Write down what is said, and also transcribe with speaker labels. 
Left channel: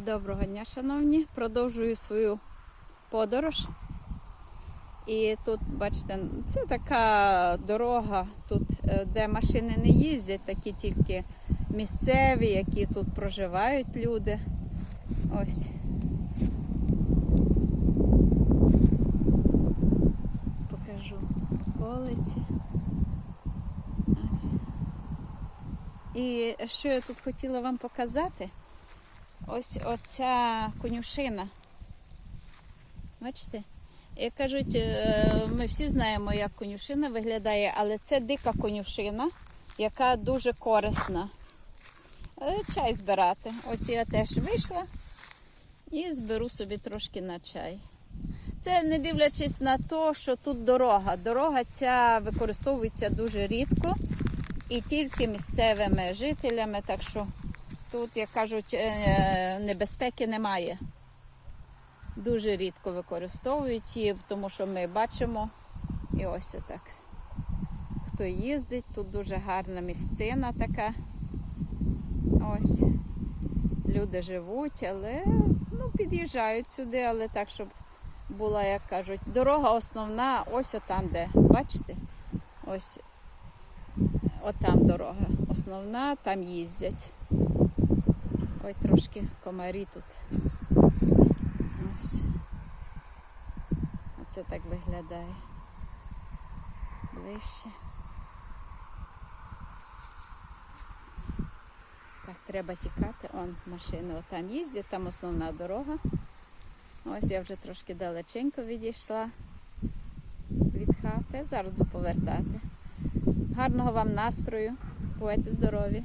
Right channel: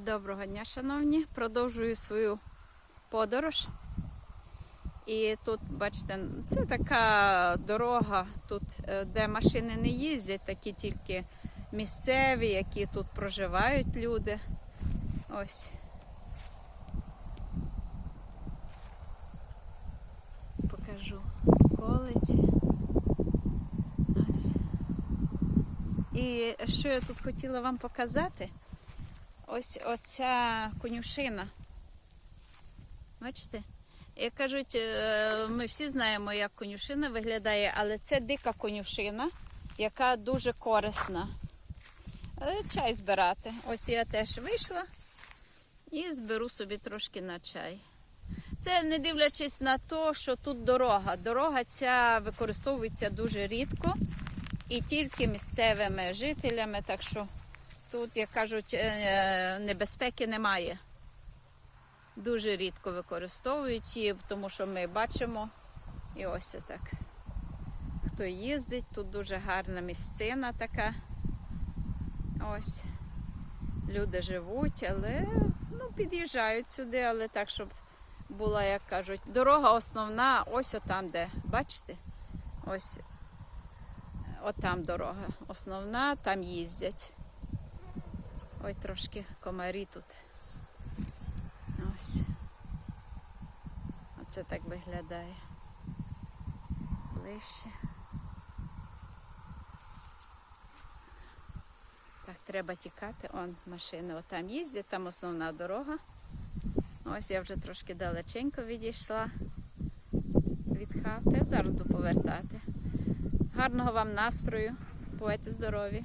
Speaker 1: Доброго дня, шановні. Продовжую свою подорож. І тут, бачите, це така дорога, тут, е, де машини не їздять, такі тільки місцеві, які тут проживають люди. Ось. Покажу колиці. Ось. І що я тут хотіла вам показати? Ось оця конюшина. Бачите? Як кажуть, е, ми всі знаємо, як конюшина виглядає, але це дика конюшина, яка дуже корисна. Е, Чай збирати. Ось я теж вийшла і зберу собі трошки на чай. Це не дивлячись на те, що тут дорога. Дорога ця використовується дуже рідко і тільки місцевими жителями, так що тут, як кажуть, е, небезпеки немає. Дуже рідко використовують її, тому що ми бачимо і ось отак. Хто їздить, тут дуже гарна місцина така. Ось. Люди живуть, але ну, під'їжджають сюди, але так, щоб була, як кажуть, дорога основна, ось отам, де. Бачите? Ось отам дорога. Основна, там їздять. Ой, трошки комарі тут. Ось. Оце так виглядає. Ближче. Так, треба тікати. Он машини отам їздять, там основна дорога. Ось я вже трошки далеченько відійшла від хати. Зараз буду повертати. Гарного вам настрою, будьте здорові!